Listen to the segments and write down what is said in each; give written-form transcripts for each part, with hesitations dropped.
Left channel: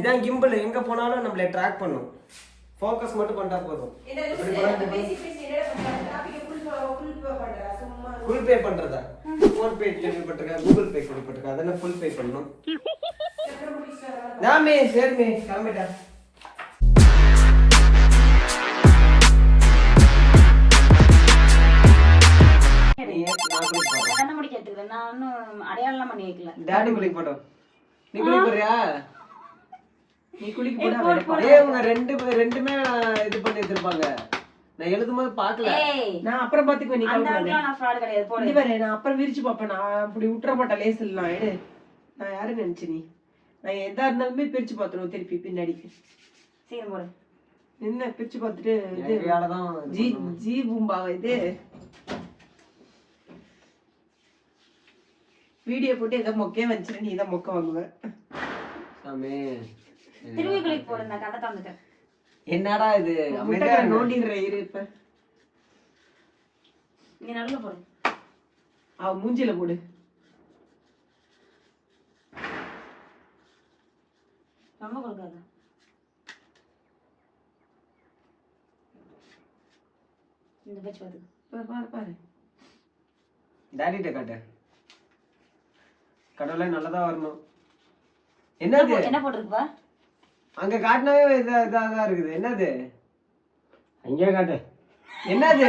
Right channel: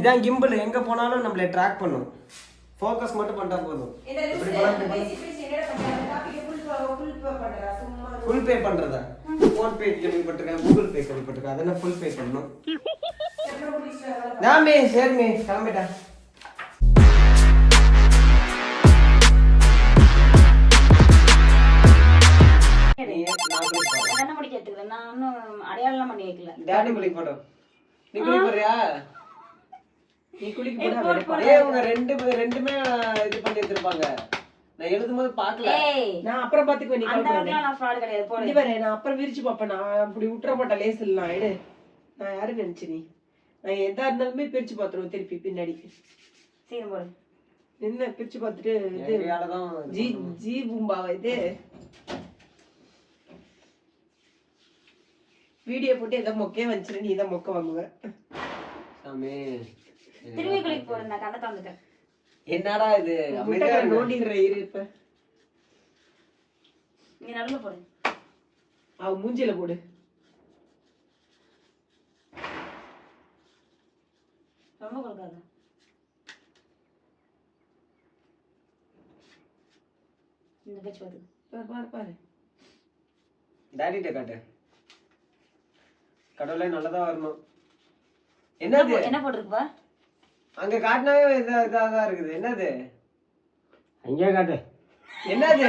இதான் கிம்பிள், எங்க போனாலும் நம்மள ட்ராக் பண்ணும். ஃபோக்கஸ் மட்டும் பண்ணா போதும். இப்படி ஃபுல் பே பண்றதா? ஃபோன் பே கேள்விப்பட்டிருக்கேன், கூகுள் பே கேள்விப்பட்டிருக்கேன். அதெல்லாம் ஃபுல் பே பண்ணணும். நாமே சரிமே கிளம்பிட்டா. டாடி குளிக்க போட்டோம். நீ குளிக்க போறியா? நீ குளிக்க போறியா? உங்க ரெண்டுமே இது பண்ணி வச்சிருப்பாங்க. நான் எழுதும்போது பாக்கல. நான் அப்புறம் பாத்துக்குவேன். நீ நான் ஃப்ராட் கிடையாது. போடு பாரு. நான் அப்புறம் விரிச்சு பாப்பேன். நான் அப்படி விட்டுற மாட்டேன். லேஸ் இல்ல எடு. நான் யாரு நினைச்சு நீ? நான் எதா இருந்தாலுமே பிரிச்சு பாத்துருவேன் திருப்பி பின்னாடி. சரி போடு. என்ன பிரிச்சு பாத்துட்டு இது ஜி பூம்பாவா இது? வீடியோ போட்டு ஏதோ மொக்கே வந்துச்சு. நீ தான் மொக்க வாங்குவ. சாமி திரும்பி கிளிக் போடு. நான் கண்ணை தந்துட்டேன். என்னடா இது? அமைதியா நோண்டிடுற இரு. இப்ப நீ நடுவுல போடு. அவ மூஞ்சில போடு. ரொம்ப கொடுக்காத. இந்த பேச்சு பாத்து பாரு பாரு. டாடிட்ட காட்டு. கடவுளே நல்லதா வரணும். என்னது? என்ன போட்டுருக்குப்பா? அங்க காட்டினாவே இதான் இருக்குது. என்னது? அங்கே காட்டு. என்னது?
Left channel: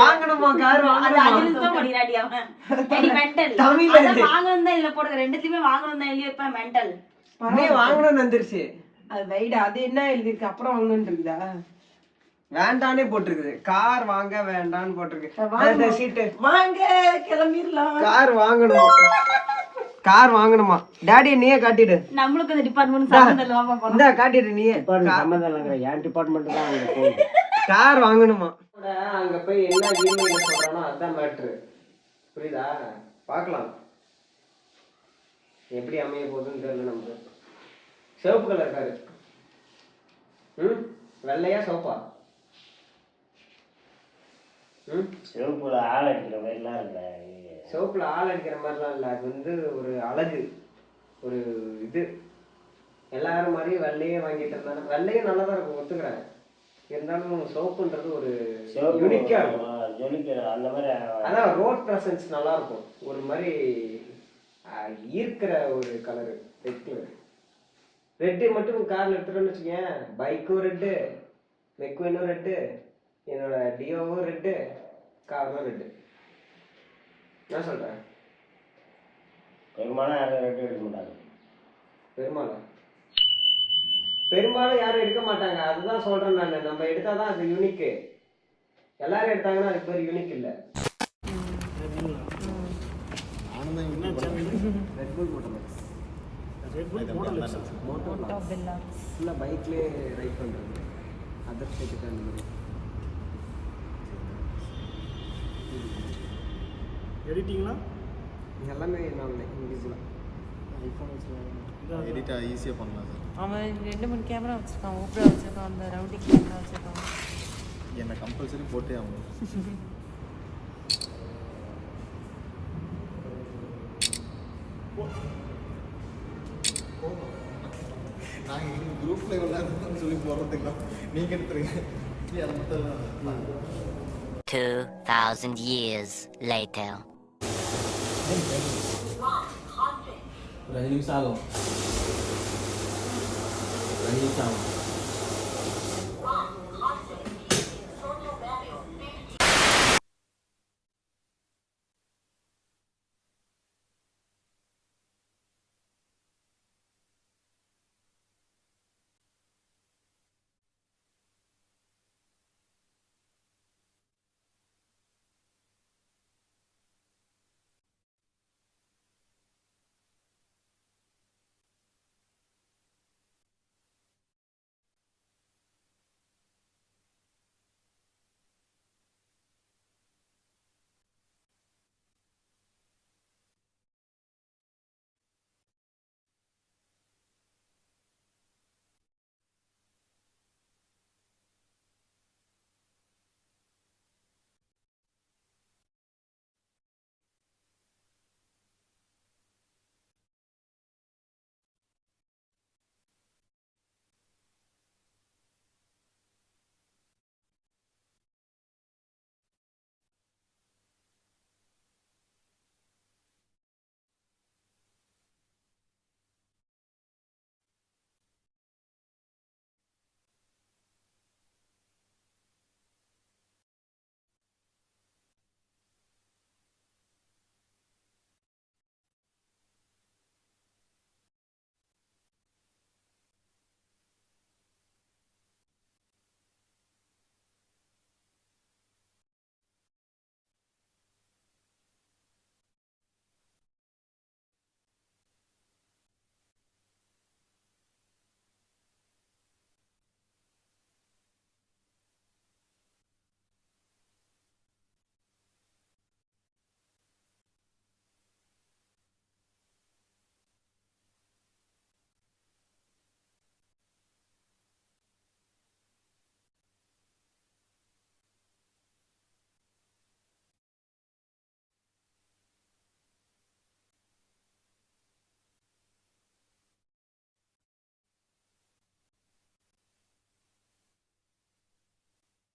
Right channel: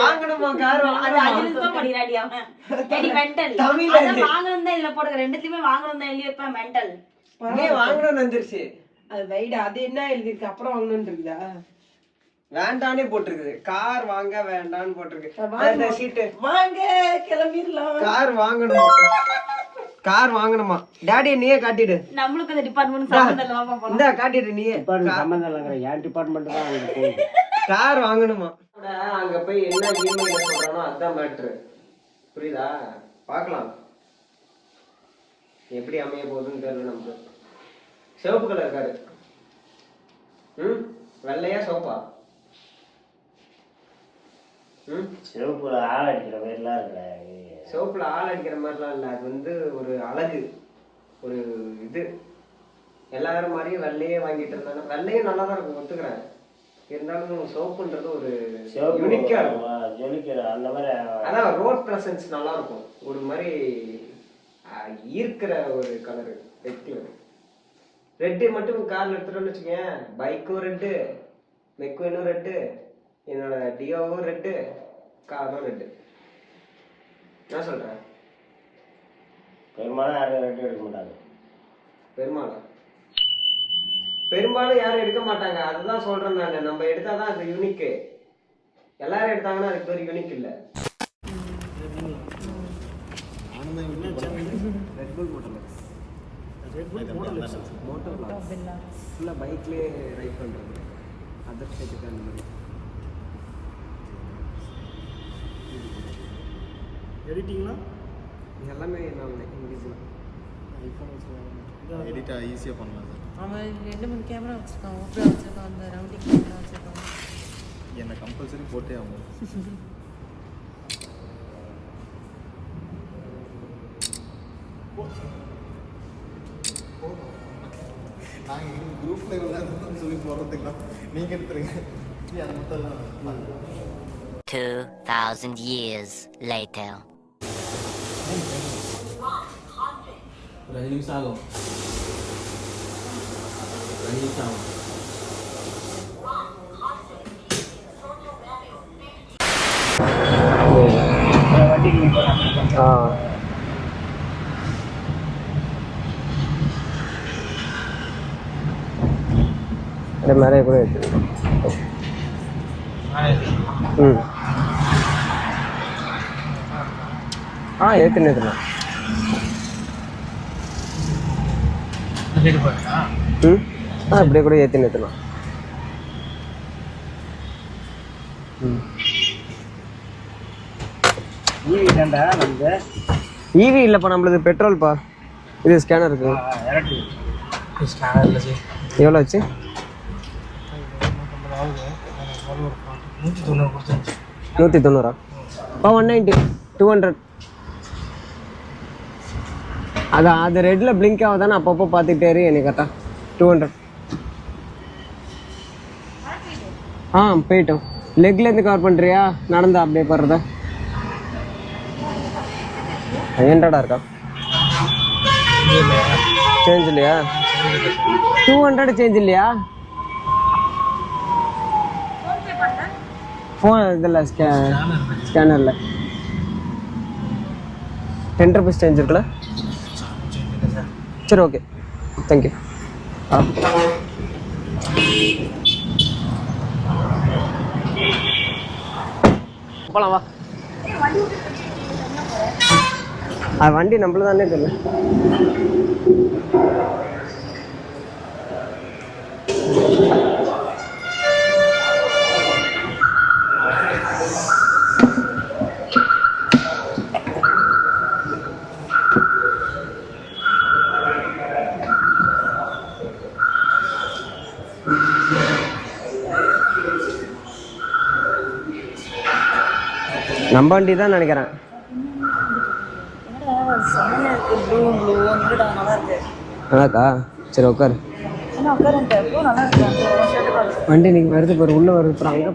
வாங்கணுமா கார்? அது அஜில்தான் படிராடி அவன். ஏடி மெண்டல். தமிழ்ல வாங்கணும் தான் இதுல போடுற. ரெண்டுத்துலயுமே வாங்கணும் தான் எழுதி வைப்பேன். மெண்டல். நீ வாங்கணும்னு வந்துருச்சு. அது வைடா. அது என்ன எழுதி இருக்கு? அப்புறம் வாங்கணும்னு இருக்குதா? வேண்டானே போட்டிருக்குது. கார் வாங்க வேண்டான்னு போட்டிருக்கு. வாங்க கிளம்பிடலாம். கார் வாங்கணும். கார் வாங்கணுமா? டாடி நீயே காட்டிடு. நம்மளுக்கு இந்த டிபார்ட்மெண்ட் சம்பந்தம் இல்ல. வாங்க போலாம். இந்த காட்டிடு நீயே. சம்பந்தம் இல்லங்கற என் டிபார்ட்மென்ட் தான் அங்க போகுது. கார் வாங்கணுமா? அங்க போய் என்ன ஈமெயில்ல சொல்றானோ அதான் மேட்டர். புரியுதா? பார்க்கலாம் எப்படி அமைய போகுதுன்னு தெரியல நமக்கு. சிவப்பு கலர் காரு. வெள்ளையா சிவப்பா? சிவப்புல ஆள் அடிக்கிற மாதிரிலாம் இல்ல. சிவப்புல ஆள் அடிக்கிற மாதிரிலாம் இல்ல. அது வந்து ஒரு அழகு, ஒரு இது. எல்லாரும் மாதிரியும் வெள்ளையே வாங்கிட்டு இருந்தாலும் வெள்ளையும் நல்லா தான் இருக்கும், ஒத்துக்கிறேன். இருந்தாலும் சிவப்புன்றது ஒரு யூனிக்கா இருக்கும். அந்த மாதிரி அதான் ரோட் பிரசன்ஸ் நல்லா இருக்கும். ஒரு மாதிரி ஈர்க்கிற ஒரு கலரு. Red colour. ரெட்டு மட்டும் கார்ல எடுத்துட்டோம்னு வச்சுக்கேன். பைக்கும் ரெட்டு, மெக்வெனும் ரெட்டு, என்னோட டியோவும் ரெட்டு, காரும் ரெட்டு. என்ன சொல்றேன்? பெரும்பாலும் யாரும் ரெட்டு எடுக்க மாட்டாங்க. பெரும்பாலும் யாரும் எடுக்க மாட்டாங்க. அதுதான் சொல்றேன் நான். நம்ம எடுத்தாதான் அது யூனிக்கு. எல்லாரும் எடுத்தாங்கன்னா அதுக்கு பேர் யூனிக் இல்ல. பைக்லயே ரைட் பண்றது. அதர் ஸ்டேட்டுக்கு அந்த மாதிரி எடிட்டிங்லாம் எல்லாமே நான் இங்கிலீஷ்ல ஐஃபோன் வச்சுருக்காங்க. எடிட்டா ஈஸியாக பண்ணலாம் சார். அவன் 2-3 கேமரா வச்சுருக்கான். ஓப்பரா வச்சுருக்கான். அந்த ரவுண்டிங் கேமரா வச்சுருக்கான். என்னை கம்பல்சரி போட்டே ஆகும். நாங்கள் குரூப்பில் விளையாடுறோம்னு சொல்லி போடுறதுக்கலாம் நீங்கள் எடுத்துருங்க. அது மட்டும் 2000 years later. ஒரு 5 நிமிஷம் ஆகும். 2 நிமிஷம் ஆகும். மேலே கூட இருக்கு. ஏற்றுனேன். அப்படியே கூட ஏற்றினேன். ஈவி இல்லைப்பா, நம்மளுது பெட்ரோல்ப்பா. இது ஸ்கேனர் இருக்கு. எவ்வளோ ஆச்சு? 190. 190, 200. அதான் அது ரெட்டில் பிளிங்க் ஆகுதானே அப்பப்போ பார்த்துக்கிட்டே இரு எனக்கு கரெக்டாக 200. போயிட்டோம். லெக்லேருந்து கவர் பண்ணுறியா நடந்தா அப்படியே போடுறதா 500 இருக்கா சேஞ்ச் இல்லையா 200 சேஞ்ச் இல்லையா ஃபோன் இதில் ஸ்கேனரில் 10 rupees சேஞ்ச் இருக்குல்ல சரி ஓகே தேங்க்யூ போகலாம் வா அது வண்டி நம்மள தானே தெரியல நம்ம வண்டி தான் நினைக்கிறேன். நல்லாக்கா சரி உட்காரு. வண்டி நீங்கள் வருது பாரு உள்ளே வருது பாரு அங்கே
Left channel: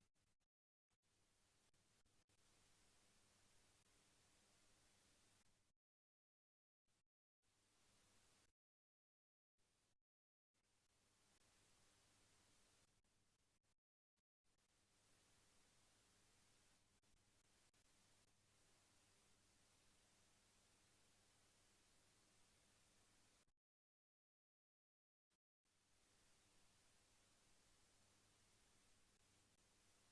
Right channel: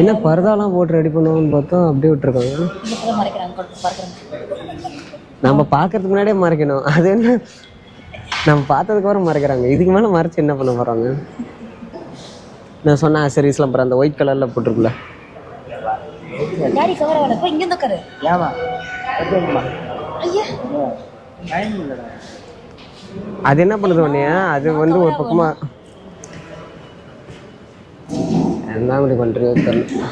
என்ன பரதாலாம் போட்டு ரெடி பண்ணுவோம்னு பார்த்தா அப்படியே விட்டுருக்காங்க. நம்ம பார்க்கறதுக்கு முன்னாடியே மறைக்கணும். அது என்ன நம்ம பார்த்ததுக்கு அப்புறம் மறைக்கிறாங்க. இதுக்கு மேலே மறைச்சு என்ன பண்ண போகிறாங்க? நான் சொன்னேன் சரீஸ்லாம் அப்புறம் அந்த ஒயிட் கலரில் போட்டிருக்குல்ல அது என்ன பண்ணுது உடனே அது வந்து ஒரு பக்கமாக என்ன அப்படி பண்ணுறீங்க தெரியல.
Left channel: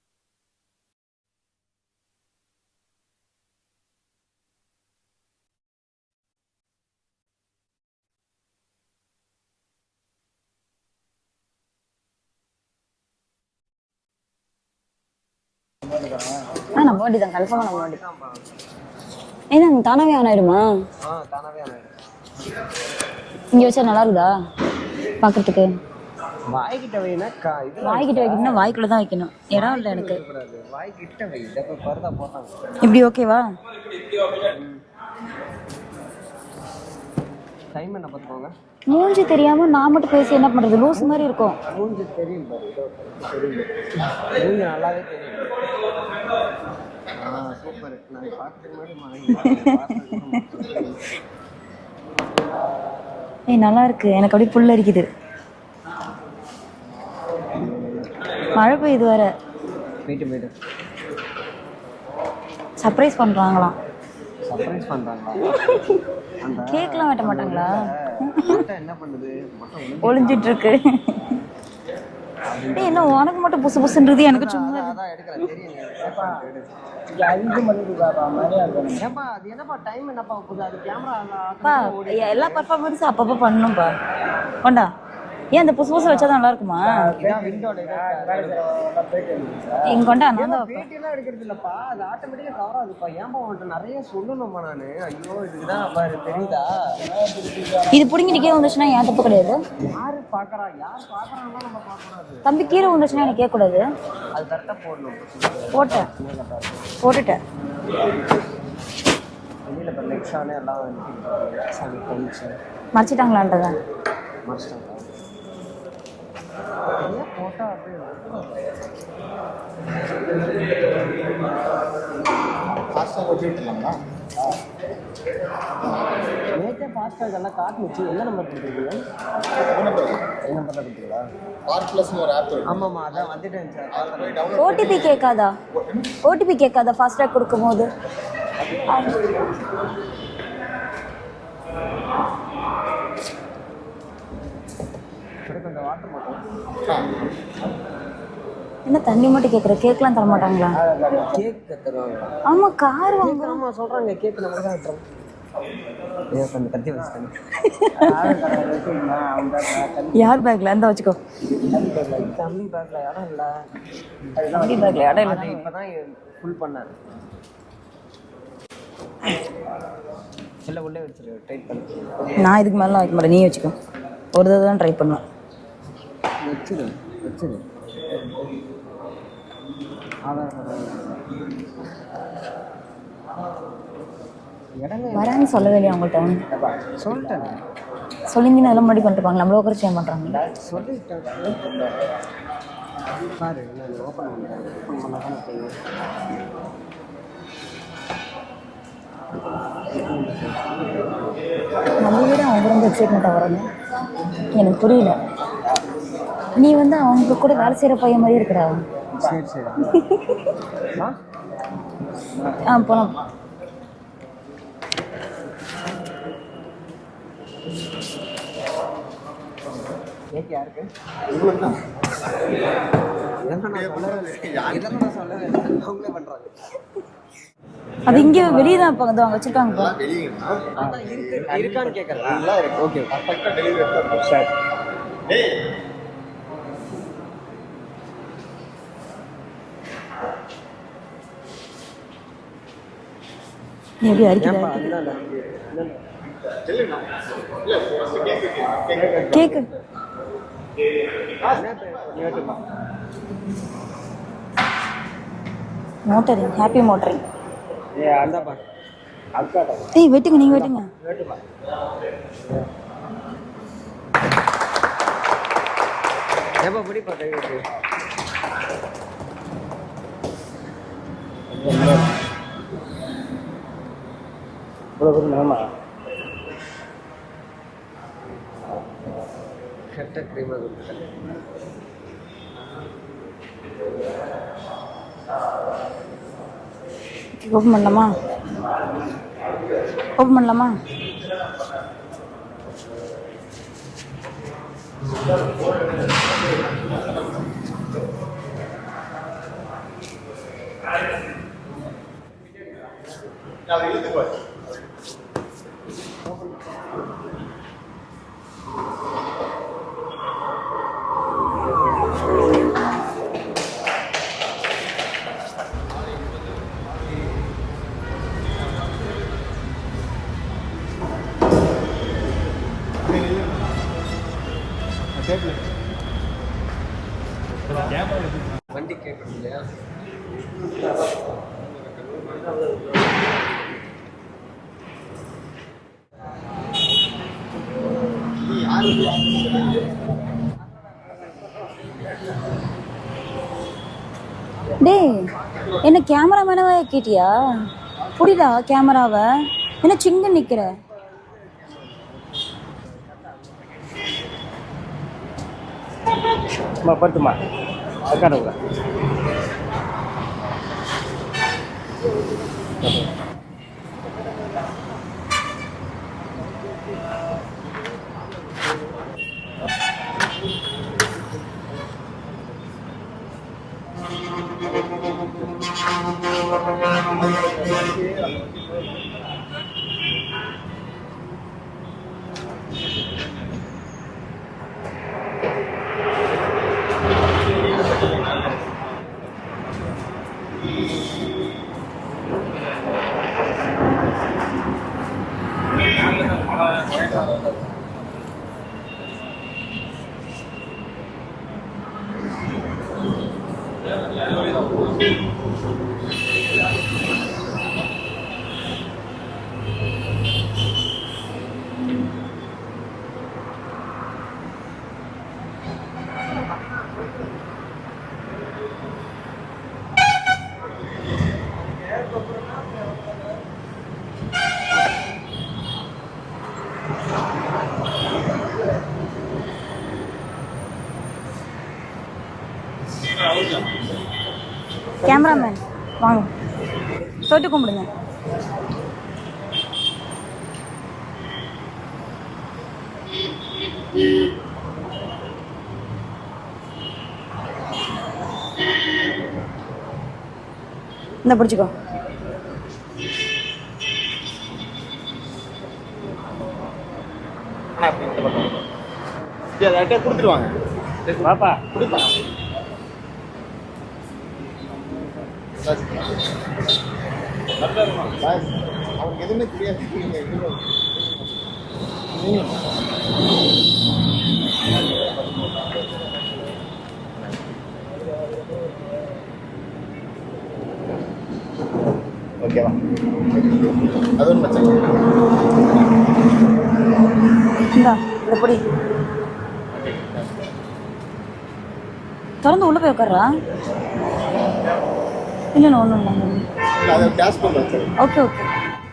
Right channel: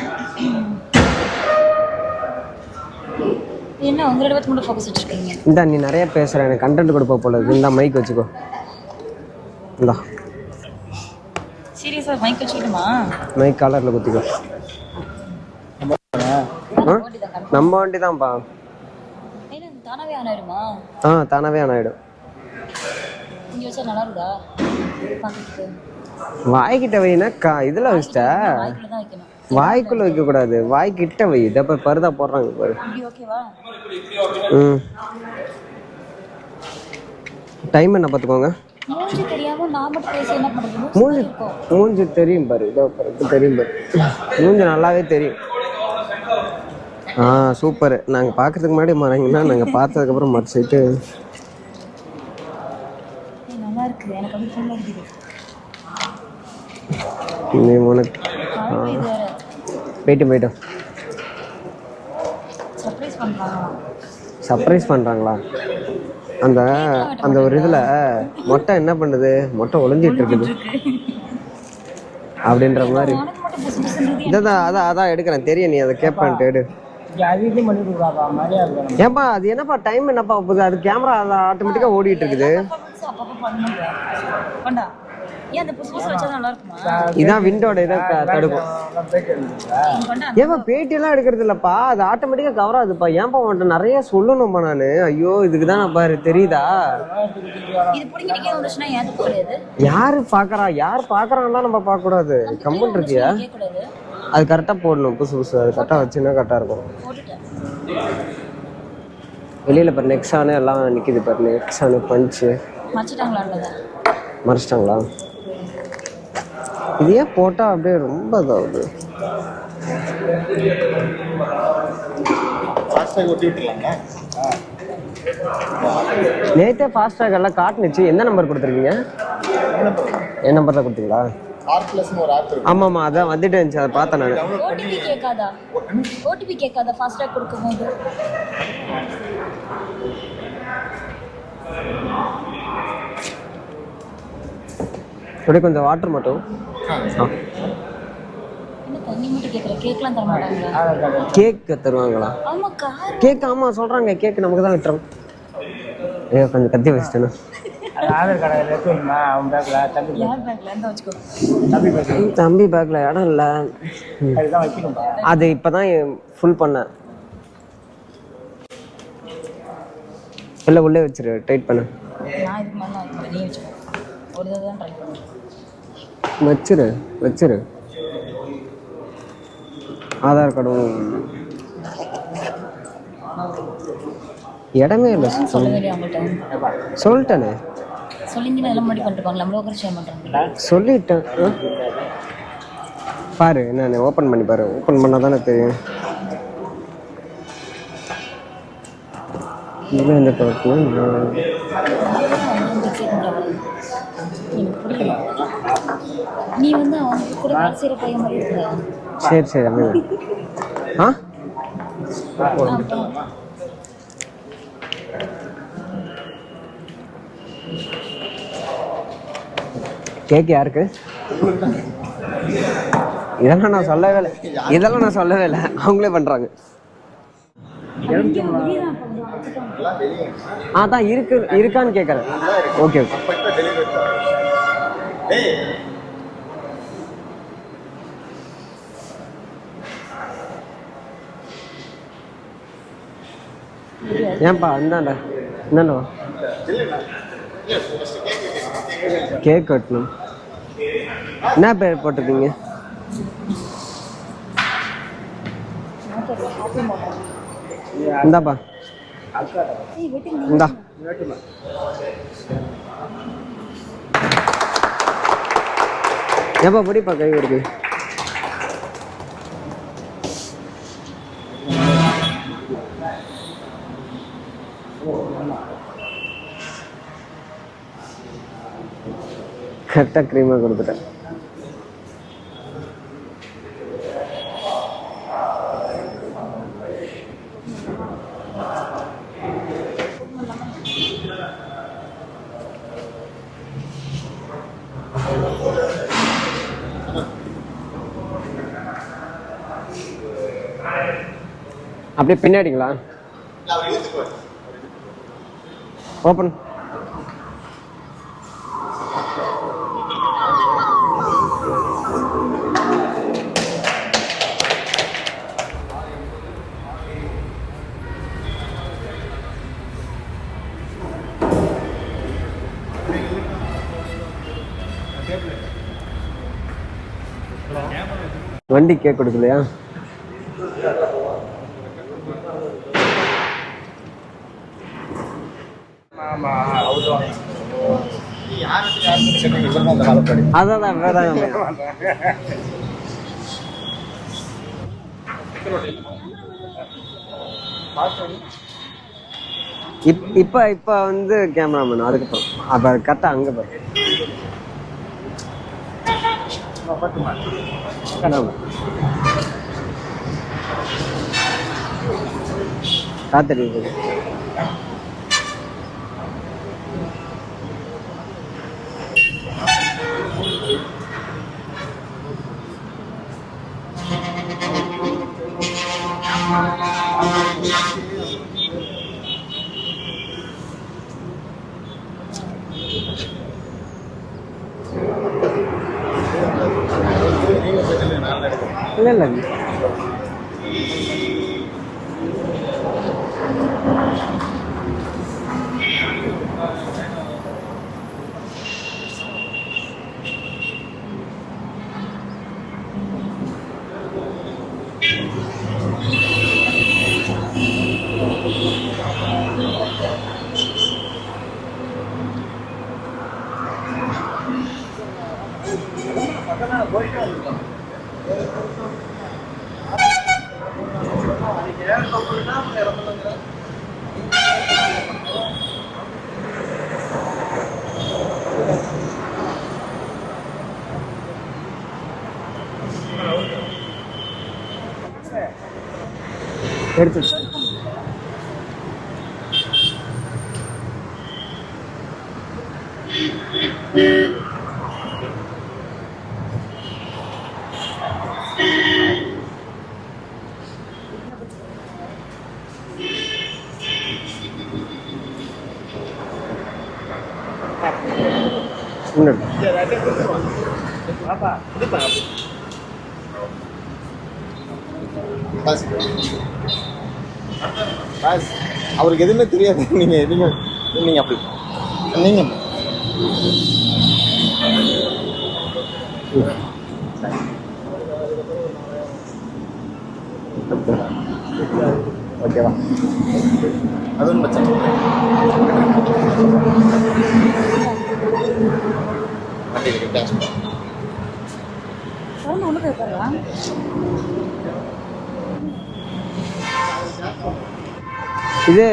என்ன உங்களோட பத்தி மட்டும் ஃபோக்கஸ் வச்சிருக்கீங்க? இந்தா நீ நிறைய பேசுகிற எனக்கு கண்டென்ட் கொடுப்ப போல இருக்கு. இந்த மைக் வச்சுக்கோ. இந்தா சீரியஸா மைக் வச்சுக்கிட்டுமா? மைக் காலரில் குத்திக்கோ. நம்ம வண்டி தான்ப்பா. ஏன்னா தானாவே ஆன் ஆயிடுமா? தானாவே ஆன் ஆயிடும். இங்க வச்சா நல்லா இருக்குதா பாக்குறதுக்கு? வாய்க்கிட்ட வைனா இதுல வச்சிட்டா வாய்க்குள்ள தான் வைக்கணும். வாய்க்குள்ள வைக்க கூடாது, வாய்க்கிட்ட வை. இத பாரு பர்தா போடுறாங்க பாரு. இப்படி ஓகேவா? டைம் என்ன பாத்துக்கோங்க. மூஞ்சி தெரியாம நான் மட்டும் பேசி என்ன பண்றது? லூஸ் மாதிரி இருக்கும். மூஞ்சி தெரியும் பாரு. இதோ பாரு தெரியும் பாரு. மூஞ்சி நல்லாவே தெரியும். சூப்பர். நாங்க பாக்கிறதுக்கு முன்னாடி மறங்கன்னா நாங்க பார்த்ததுக்கு அப்புறம் மறைச்சிட்டு நல்லா இருக்கு. எனக்கு அப்படியே புல் அரிக்குது. மழை பெய்யுது வேற. போயிட்டோம். சர்ப்ரைஸ் பண்றாங்களா? அந்த அந்த ஒரு இதுல மொட்டை என்ன பண்ணுது? மொட்டை ஒளிஞ்சிட்டு இருக்கு அப்படின்ற மாதிரி. உனக்கு மட்டும் புசு புசுன்றது. அதான் எடுக்கிறேன் தெரியும். நீ அதை கேட்பான்ட்டு எடு. ஏப்பா அது என்னப்பா டைம் என்னப்பா போகுது? அது கேமரா ஆட்டோமேட்டிக்கா ஓடிட்டு இருக்குது. அப்பப்போ பண்ணணும்பா. கொண்டா. ஏன் அந்த புசு புசு வச்சா நல்லா இருக்குமா? இதான் விண்டோட இதை தடுக்கும். ஏமா பேட்டி எல்லாம் எடுக்கிறது இல்லப்பா, அது ஆட்டோமேட்டிக்கா கவர் ஆகுதுப்பா. ஏன்பா உன்ட்ட நிறைய சொல்லணும்பா நானு. ஐயோ இதுக்குதான் நான் பாரு தெரியுதா? இது புடிங்கிட்டே வந்துச்சுன்னா ஏன் தப்பு கிடையாது. யாரு பாக்குறாங்கன்னா நம்ம பார்க்க கூடாது. தம்பி கீழே வந்துச்சுன்னா கேட்க கூடாது. அது கரெக்டா போடணும். புசு அது கரெக்டா வச்சுன்னா கரெக்டா இருக்கும். போட்டுட்டேன். வெளியில பாரு நெக்ஸானு எல்லாம் நிக்குது பாரு. நெக்ஸானு பஞ்சு மறைச்சிட்டாங்களான்றதா? மறைச்சிட்டாங்களா? இது ஏன் போட்டா அப்படியே ரொம்ப இதாகுது. நேற்றே ஃபாஸ்டாக் எல்லாம் காட்டுனுச்சு. என்ன நம்பர் கொடுத்துருக்கீங்க? என் நம்பர் தான் கொடுத்தீங்களா? ஆமாம் அதான் வந்துட்டு இருந்துச்சு. அதை பார்த்தேன் நான். ஓடிபி கேட்காதா ஃபாஸ்டாக் கொடுக்கும்போது? அப்படியே கொஞ்சம் வாட்டர் மட்டும். என்ன தண்ணி மட்டும் கேட்குற? கேக்லாம் தர மாட்டாங்களா? கேக் தருவாங்களா? ஆமா கார் கேக். ஆமாம் சொல்கிறாங்க கேக் நமக்கு தான் விட்டுறோம். ஐயோ கொஞ்சம் கத்தி வச்சுட்டேன்னா. யார் பேக்ல இருந்தா வச்சுக்கோ. தம்பி பேக்ல இடம் இல்லை. அது இப்போதான் ஃபுல் பண்ணேன். இல்லை உள்ளே வச்சிரு. டைட் பண்ண. நான் இதுக்கு மேலாம் வைக்க மாட்டேன். நீ வச்சுக்கோ. ஒரு தடவை தான் ட்ரை பண்ணுவேன். வச்சிரு. ஆதார் கார்டும் இடமே இல்லை. வேணாம்னு சொல்ல வேண்டிய உங்கள்கிட்ட சொல்லிட்டேனே. சொல்லிங்கன்னா எல்லாம் முன்னாடி பண்ணிருப்பாங்க. நம்மள உட்கார பண்ணுறாங்க. சொல்லிட்டேன். பாரு நான் ஓப்பன் பண்ணி பாரு. ஓப்பன் பண்ணால் தானே தெரியும். இது இந்த அவங்க ரொம்ப எக்ஸைட்மெண்ட்டாக வரணும். எனக்கு புரியல. நீ வந்து அவங்க கூட வேலை செய்கிற பையன் மாதிரி இருக்கிறா. சரி சரி அமைதி. போகலாம். கேக் யாருக்கு? இதெல்லாம் நான் சொல்லவே இல்லை. அவங்களே பண்ணுறாங்க. அது இங்கே வெளியே தான் இப்போ வந்து அவங்க வச்சுருக்காங்க. அதான் இருக்கான்னு கேட்குறேன். ஓகே ஏன்பா அந்தாண்டா என்னண்ணா கேக் வெட்டணும். என்ன பேர் போட்டிருக்கீங்க? Motor happy motor. இந்தாப்பா. ஏய் வெட்டுங்க, நீங்க வெட்டுங்க. ஏப்பா பிடிப்பா கை இருக்கு. கரெக்டாக க்ரீமாக கொடுத்துட்டேன். ஓப்பன் பண்ணலாமா? அப்படியே பின்னாடிங்களா? ஓப்பன். வண்டி கேக் கொடுக்கலையா? அதான் டேய் என்ன கேமராமேனவே கேட்டியா? புரியுதா கேமராவை? என்ன சின்ன இப்ப வந்து கேமராமேன். அதுக்கப்புறம் அப்ப கரெக்டா அங்க பாரு. பத்துமா காத்தடி இல்லை கேமராமேன் வாங்க எடுத்து சொல்லிட்டு கும்பிடுங்க. இந்த பிடிச்சிக்கோ. கொடுத்துருவாங்க பாப்பா. அவருக்கு எதுவுமே தெரியாது. நீங்க எதுவுமே நீங்க அப்படி நீங்க ஓகேவா? அதுவும் பிரச்சனை இந்தா எப்படி வண்டி கேஷ் திறந்து உள்ள போய் உட்கார்றா? இல்லை ஒன்றும் இல்லை. அது கேஷ் பண்ண வச்சு ஓகே ஓகே. இது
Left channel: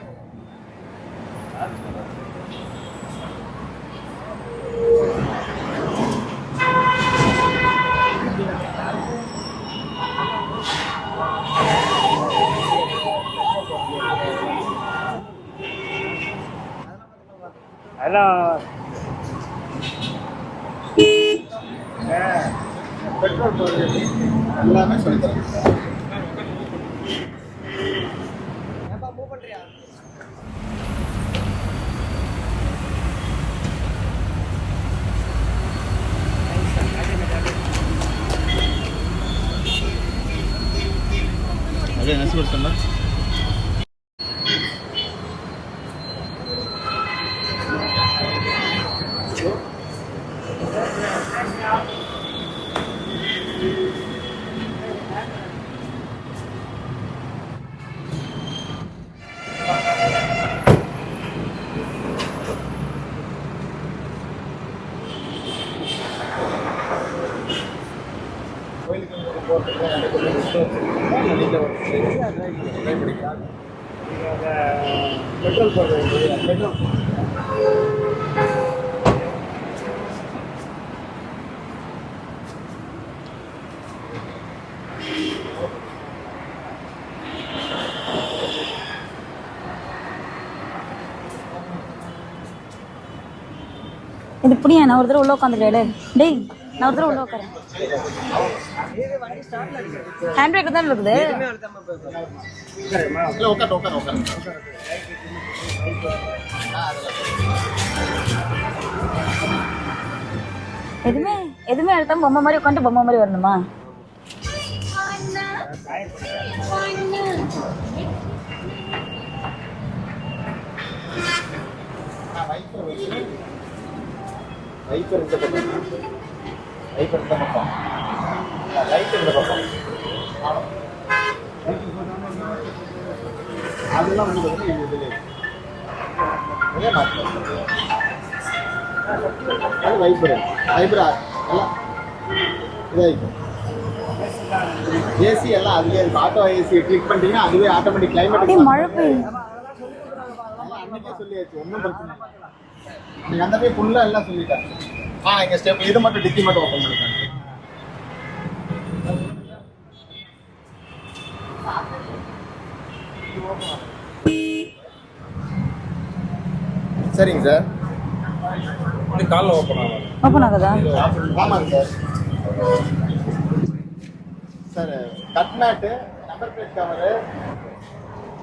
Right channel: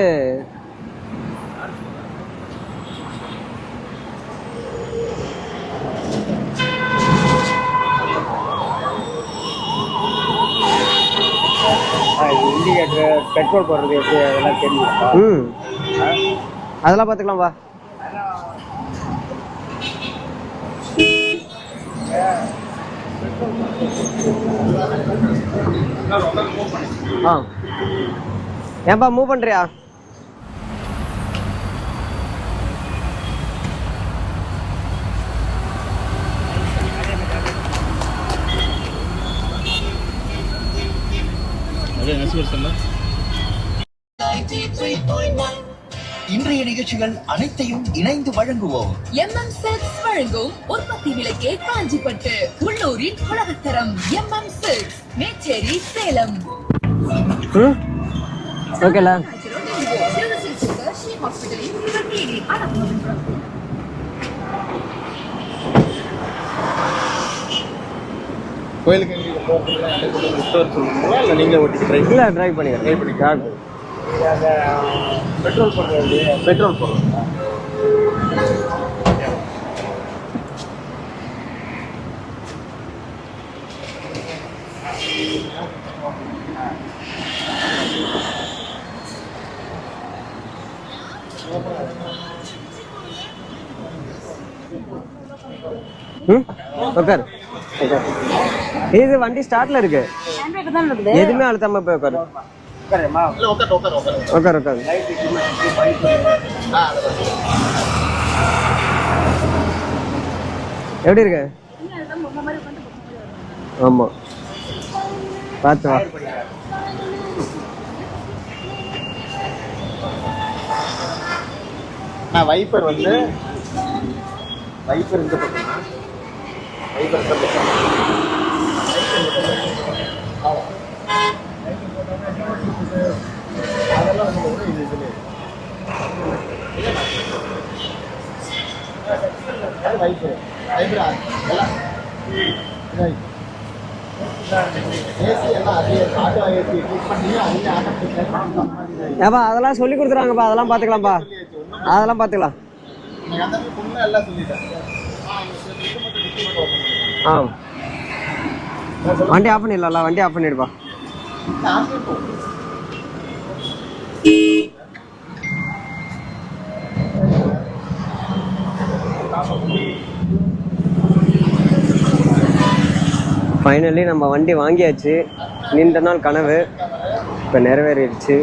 இண்டிகேட்டர் பெட்ரோல் போடுறது எப்படி அதெல்லாம் தெரியும். ம் அதெல்லாம் பார்த்துக்கலாம் வா. அதெல்லாம் ஆ ஏன்பா மூவ் பண்ணுறியா? அதே நெக்ஸ்ட் இன்றைய நிகழ்ச்சிகள் அனைத்தையும் இணைந்து வழங்குவோம். MM Silks வழங்கும் உற்பத்தி விலைக்கே காஞ்சிப்பட்டு உள்ளூரின் உலகத்தரம் MM Silks மேச்சேரி சேலம். ஓகேல கோயிலுக்கு நீங்கள் போகிறதுக்குலாம் அட்டை போட்டு விட்டு வச்சுருக்கீங்களா இல்லை நீங்களே ஓட்டிட்டு ட்ரை இல்லை ட்ரை பண்ணிக்கிறேன். ட்ரை பண்ணி ஆகும். அந்த பெட்ரோல் போடுறது பெட்ரோல் போடுறோம். இது இப்படியா? நான் ஒரு தடவை உள்ள உட்காந்துருக்கேன். டேய் நான் ஒரு தடவை உட்காரு. இது வண்டி ஸ்டார்ட்ல இருக்கு. ஹேண்ட் பிரேக் தான் இருக்குது. எதுவுமே அழுத்தாம போய் உட்காரு. இல்லை உட்காரு உட்காரு உட்காரு உட்காரு உட்காரு. எப்படி இருக்கு? எதுவுமே அழுத்தாம பொம்மை மாதிரி உட்காந்து பொம்மை மாதிரி வரணுமா? ஆமா பார்த்து வா. நான் வைப்பர் வந்து வைப்பர் இந்த பக்கம் வைப்பர் இந்த பக்கம் லைட் இந்த பக்கம் அதெல்லாம் வந்து வைப்பர் வைப்பரா எல்லாம் இதாகிக்கும். ஏசி எல்லாம் அதுலேயே இருக்கும். ஆட்டோ ஏசி கிளிக் பண்ணிட்டீங்கன்னா அதுவே ஆட்டோமேட்டிக் கிளைமேட் மழை பெய்யுது. ஏப்பா அதெல்லாம் சொல்லி கொடுத்துறாங்கப்பா. அதெல்லாம் பார்த்துக்கலாம்ப்பா. அதெல்லாம் பார்த்துக்கலாம். எனக்கு அந்த போய் ஃபுல்லாக எல்லாம் சொல்லிட்டேன். இங்கே ஸ்டெப் இது மட்டும் டிக்கி மட்டும் ஓப்பன் பண்ணிருக்கேன். ஆ வண்டி ஆஃப் பண்ணிடலாம். வண்டி ஆஃப் பண்ணிடுப்பா. சரிங்க சார். ஓப்பன் ஆகுதா? ஆமாங்க சார். ஃபைனலி நம்ம வண்டி வாங்கியாச்சு. நீண்ட நாள் கனவு இப்போ நிறைவேறிடுச்சு.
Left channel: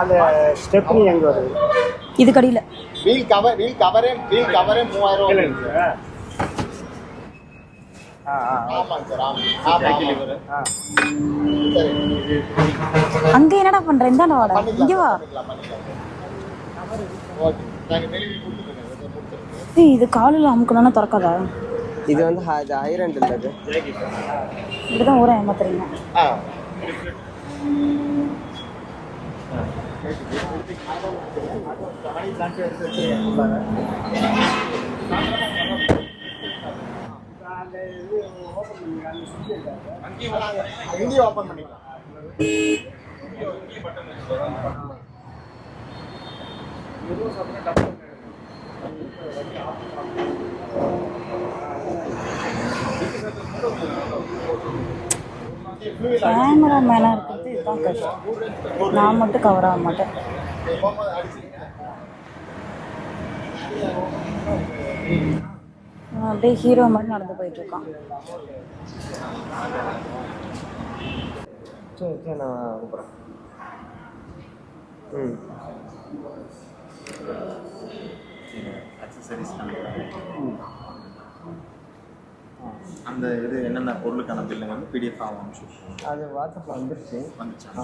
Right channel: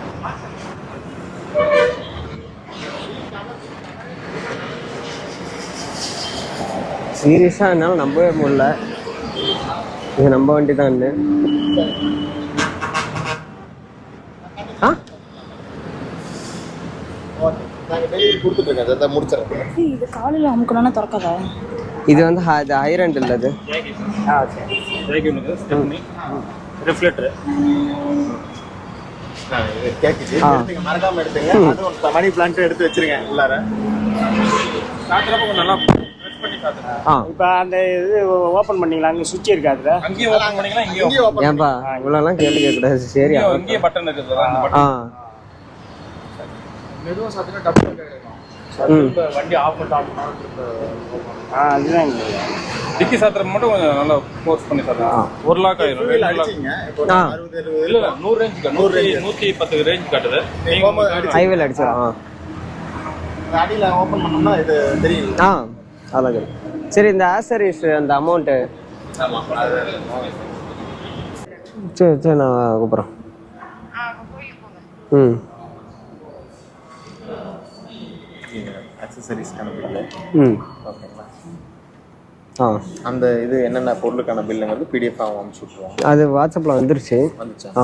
அந்த ஸ்டெப்னி எங்கே வருது? இது கடியில் வீல் கவரே 3000. சீரியஸாக என்னால் நம்பவே முடியல. இது நம்ம வண்டி தான். அங்கே என்னடா பண்ணுறேன்? இந்தாண்டா வாடா. இதுவா? ஓகே நாங்கள் டெலிவரி கொடுத்துட்ருக்கேன் சார். முடிச்சிடறேன். ஏய் இது காலில் அமுக்கணும்னா திறக்காதா? இது வந்து இது ஐரண்ட் இல்லை. இது இதுதான் ஒரு ஏமாத்துறேன். ரிஃப்ளெக்டர் கேட்குது. மறக்காமல் எடுத்துங்க. அதுவும் மணி பிளான்ட் எடுத்து வச்சிருங்க உள்ளார. ஆ இப்போ அந்த இது ஓப்பன் பண்ணிங்களா? அங்கே சுவிட்ச் இருக்கு அதில். அங்கேயும் ஓப்பன் பண்ணிக்கலாம், இங்கேயும் ஓப்பன் ஏன்பா இவ்வளோலாம் கேள்வி கேட்கக்கூடாது. சரியா? இங்கேயே பட்டன் இருக்குது. ஆ மெதுவாக சாத்தினா டப்பு வண்டி ஆஃப் பண்ணிட்டு அதுதான் டிக்கி சாத்திரம் மட்டும் கொஞ்சம் நல்லா ஃபோர்ஸ் பண்ணி சாத்திரம். 1 லாக் ஆயிரும். ஆ இல்லை 100 ரேஞ்ச் 150 ரேஞ்ச் காட்டுது. ஹைவேல அடிச்சிடும். அடியில் ஓப்பன் பண்ணோம்னா இது தெரியும். ஆ அவ்வளோ. ஹீரோ சரி இந்த ஆக்சரிஸ் அந்த அமௌண்ட்டு சரி சரி நான் கூப்பிட்றேன். ம் அக்சசரிஸ் கனெக்ட் பண்ணு. ம் ஆ அந்த இது என்னென்ன பொருளுக்கான பில்லுங்கிறது பிடிஎஃப் அனுப்பிச்சு விட்ருவாங்க. அது வாட்ஸ்அப்பில் வந்துருச்சு. வந்துச்சா? ஆ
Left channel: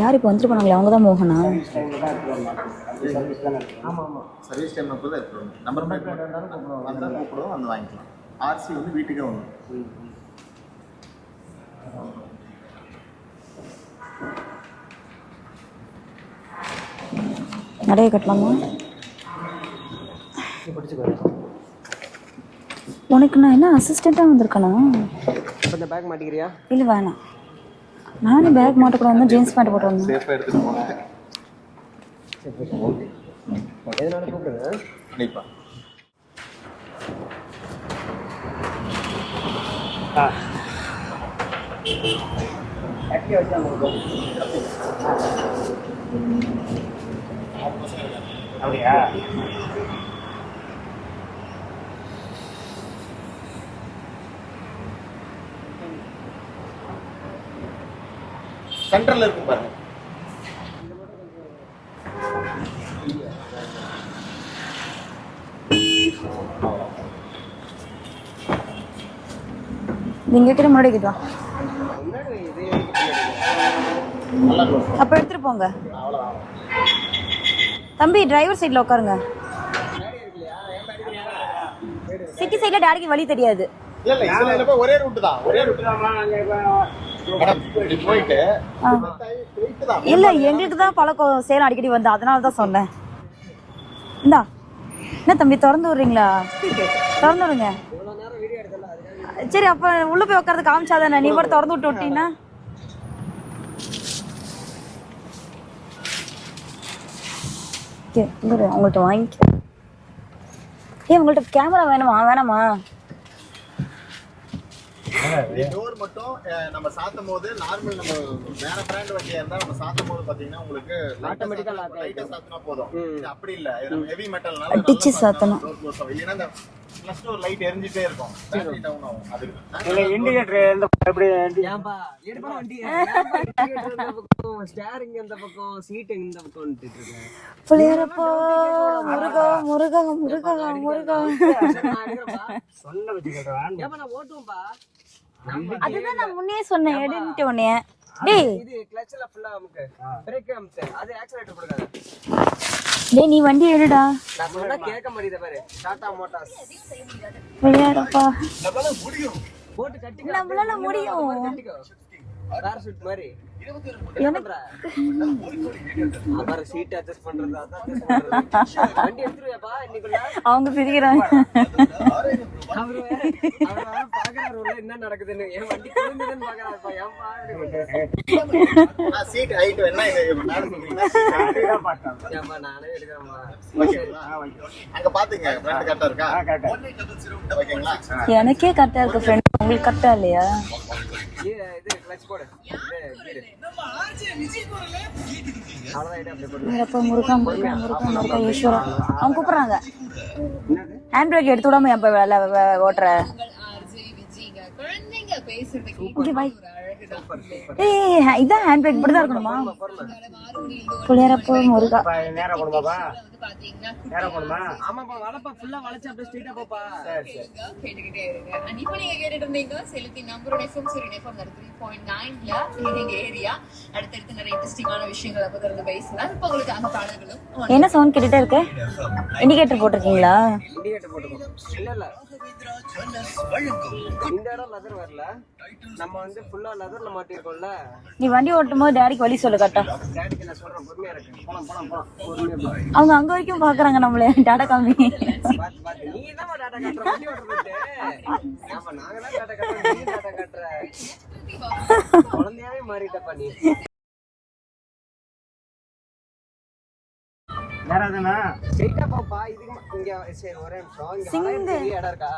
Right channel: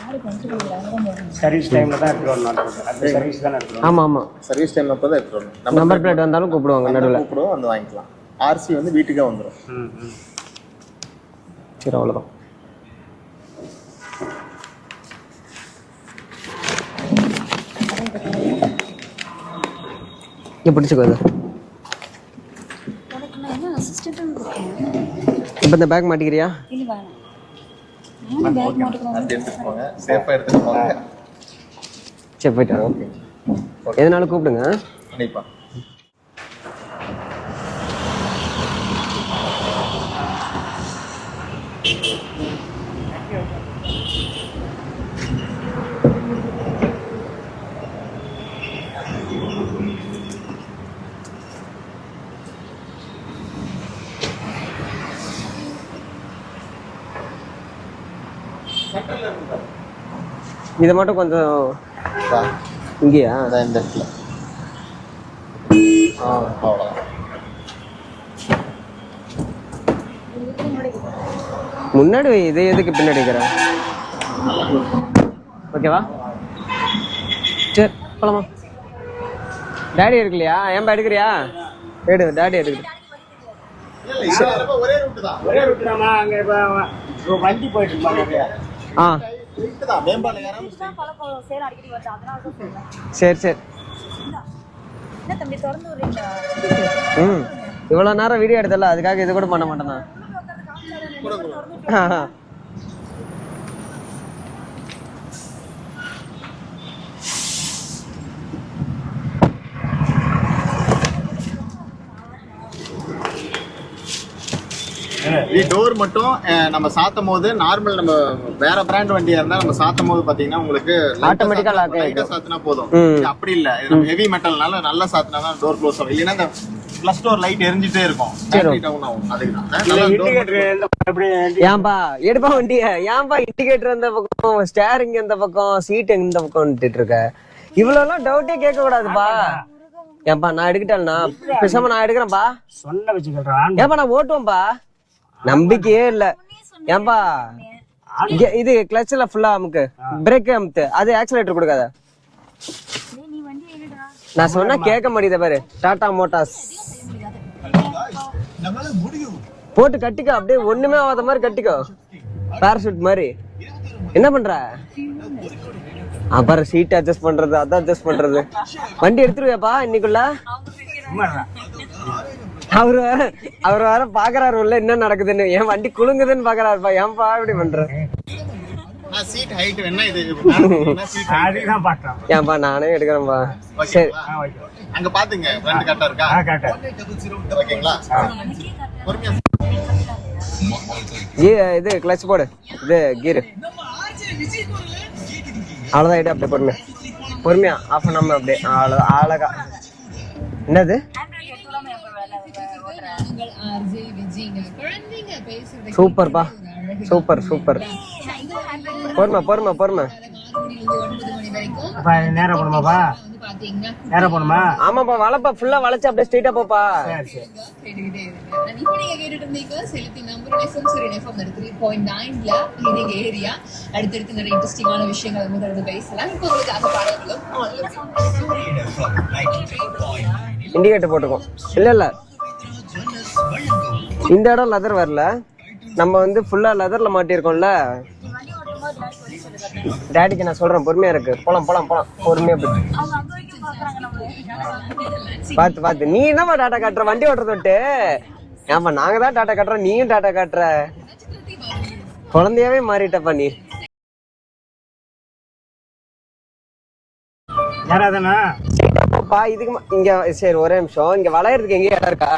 யார் இப்போ வந்துட்டு போனாங்களே அவங்க தான் மோகனா? சர்வீஸ் டைமில் தான் எடுத்துகிட்டு வரணும். அந்த சர்வீஸ் தானே எடுத்துகிட்டு ஆமாம் ஆமாம். சர்வீஸ் டைம் அப்போ தான் எடுத்துகிட்டு வரணும். நம்பர் பிளேட் வந்தாலும் கூப்பிடுவாங்க நடுவில். கூப்பிடுவோம் வந்து வாங்கிக்கலாம். ஆர்சி வந்து வீட்டுக்கே வந்துடும். சரி அவ்வளோதான். நிறைய கட்டலாமா? இங்கே பிடிச்சிக்கோ. உனக்கு நான் என்ன அசிஸ்டண்ட்டாக வந்திருக்கணும்? இப்போ இந்த பேக் மாட்டிக்கிறியா? இல்லை வேணாம், நானும் பேக் மாட்டக்கூடாது, ஜீன்ஸ் பேண்ட் போட்டு வந்தேன். சேஃபாக எடுத்துகிட்டு போங்க. சரி போயிட்டு ஓகே. எதனாலும் கூப்பிடுங்க. கண்டிப்பாக. சென்டரில் இருக்கும் பாருங்க. இதை மட்டும் கொஞ்சம் இங்கேயா? அதான் இந்த இடத்துல. அவ்வளோதான். நீங்கள் கிட்ட முன்னாடி கிட்டா முன்னாடி வை, இதை எதுக்கு பின்னாடி வைக்கிறேன்? அப்போ எடுத்துகிட்டு போங்க. ஓகேவா? சரி தம்பி டிரைவர் சைடில் உட்காருங்க. டேடி இருக்குல்லையா? ஏன்பா எடுக்கிறியா? எடு. டேடி சைடில் டேடிக்கு வழி தெரியாது. இல்லை இல்லை, இதுல ஒரே ரூட்டு தான். ஒரே ரூட்டு தான்மா. அங்கே இப்போ வண்டி போயிட்டு ஆ இல்ல எங்களுக்கு தான் பழக்கம், சேலம் அடிக்கடி வந்து, அதனால தான் சொன்னேன். சரி சரி. இந்தா என்ன தம்பி திறந்து விடுறீங்களா? திறந்து விடுங்க. இவ்வளோ நேரம் வீடியோ எடுத்தல, அதுக்காக இது கூட சரி பண்ண அப்ப உள்ள போய் உட்கார்ந்து காமிச்சாதானே, நீ கூட திறந்து விட்டு விட்டீங்கன்னா. உங்கள்கிட்ட வாங்கி உங்கள்கிட்ட கேமரா வேணுமா? வேணாமா? டோர் மட்டும் நம்ம சாத்தும் போது நார்மல், நம்ம வேற பிராண்ட் வண்டியா இருந்தா நம்ம சாத்தும் போது பாத்தீங்கன்னா உங்களுக்கு ஆட்டோமேட்டிக்கா லாக் லைட்டா சாத்துனா போதும். இது அப்படி இல்ல, இது நம்ம ஹெவி மெட்டல்னால நல்லா சாத்துனா டோர் க்ளோஸ் ஆகும். இல்லனா அந்த ப்ளஸ் டோர் லைட் எரிஞ்சிட்டே இருக்கும், பேட்டரி டவுன் ஆகும். அதுதான் இண்டிகேட்டர் எந்த எப்படி ஏன்பா எடுப்பா வண்டிய? ஏன்பா இண்டிகேட்டர் இந்த பக்கம், ஸ்டேரிங் இந்த பக்கம், சீட் இந்த பக்கம் வந்துட்டு இருக்க? இவ்வளவுலாம் டவுட்டே கேட்க கூடாதுப்பா. ஏன்பா நான் எடுக்கிட்டேன்னா பேசாம நான் எடுக்கிறேன்ப்பா. சொன்ன வச்சு கேட்கறான். ஏன்பா நான் ஓட்டுவேன்பா, நம்பிக்கையே இல்ல. ஏன்பா இது கிளட்ச்ல ஃபுல்லா அமுக்கு, பிரேக் அமுத்து, அது ஆக்சிலேட்டர் கொடுக்காத. டேய் நீ வண்டி எடுடா. நான் சொன்னா கேட்க மாட்டேங்குது பாரு. டாடா மோட்டார்ஸ் போட்டு கட்டிக்கோ, அப்படியே ஒண்ணுமே ஆகாத மாதிரி கட்டிக்கோ, பேராசூட் மாதிரி. என்ன பண்ற? அப்புறம் சீட் அட்ஜஸ்ட் பண்றது, அதான் அட்ஜஸ்ட் பண்றது. வண்டி எடுத்துருவேப்பா இன்னைக்குள்ள. அவங்க சிரிக்கிறாங்க. அவர் வேற பாக்குறாரு உள்ள என்ன நடக்குதுன்னு. என் வண்டி குலுங்குதுன்னு பாக்குறாருப்பா. ஏன்பா இப்படி பண்ற? சீட் ஹைட் என்ன இது? அதுதான் பார்த்தேன். ஏன்பா நானே எடுக்கிறேன்பா. சரி அங்க பாத்துங்க, ஃப்ரண்ட் கரெக்டா இருக்கா? ஓகேங்களா? எனக்கே கரெக்டா இருக்கு ஃப்ரெண்ட், உங்களுக்கு கரெக்டா இல்லையா? இது கிளட்ச் போடு, இது கீர். அவ்வளவுதான், ஐடியா அப்படியே பொறுமையா ஆஃப் பண்ணாம அப்படியே அழகா. என்னது ஹேண்ட் பிரேக் எடுத்து விடாம எப்ப ஓட்டுற? சூப்பர்ப்பா, சூப்பர் சூப்பர். இதான் ஹேண்ட் பிரேக். பொறுமை பொறுமை பொறுமை. புளியரப்போ முருகா. நேரா போணுமாப்பா? நேரா போணுமா? ஆமாப்பா, வளைப்பா ஃபுல்லா வளைச்சு அப்படியே ஸ்ட்ரைட்டா போப்பா. சரி இப்போ நீங்க கேட்டுட்டு இருந்தீங்க செலுத்தி நம்பரோட சரி எஃப்எம் 3.9ல லீடிங் ஏரியா. அடுத்தடுத்து நிறைய இன்ட்ரெஸ்டிங்கான விஷயங்கள் நம்ம தொடர்ந்து பேசலாம். இப்போ உங்களுக்கு அந்த பாடல்களும் என்ன சவுண்ட் கேட்டுட்டே இருக்கு? இண்டிகேட்டர் போட்டிருக்கீங்களா? இண்டிகேட்டர் போட்டுக்கோம். இல்ல இந்த இடம் லெதர் வரல, நம்ம வந்து ஃபுல்லா லெதர்ல மாட்டிருக்கோம்ல. நீ வண்டி ஓட்டும் போது டேடிக்கு வழி சொல்லு கரெக்டா. டேடிக்கு நான் சொல்றேன், பொறுமையா இருக்கு. போலாம் போலாம் போலாம், பொறுமையா போய். அவங்க அங்க வரைக்கும் பாக்குறாங்க நம்மள. டாடா காமி பாத்து பாத்து. நீ என்னப்பா டாடா காட்டுற வண்டி ஓட்டுறது விட்டு? ஏன்பா நாங்க தான் டாடா காட்டுறோம், நீயும் டாடா காட்டுற. குழந்தையாவே மாறிட்டப்பா நீ. யாராதானா இதுக்கு இங்க சரி ஒரே நிமிஷம், இங்க வளையறதுக்கு எங்கேயும் இடம் இருக்கா?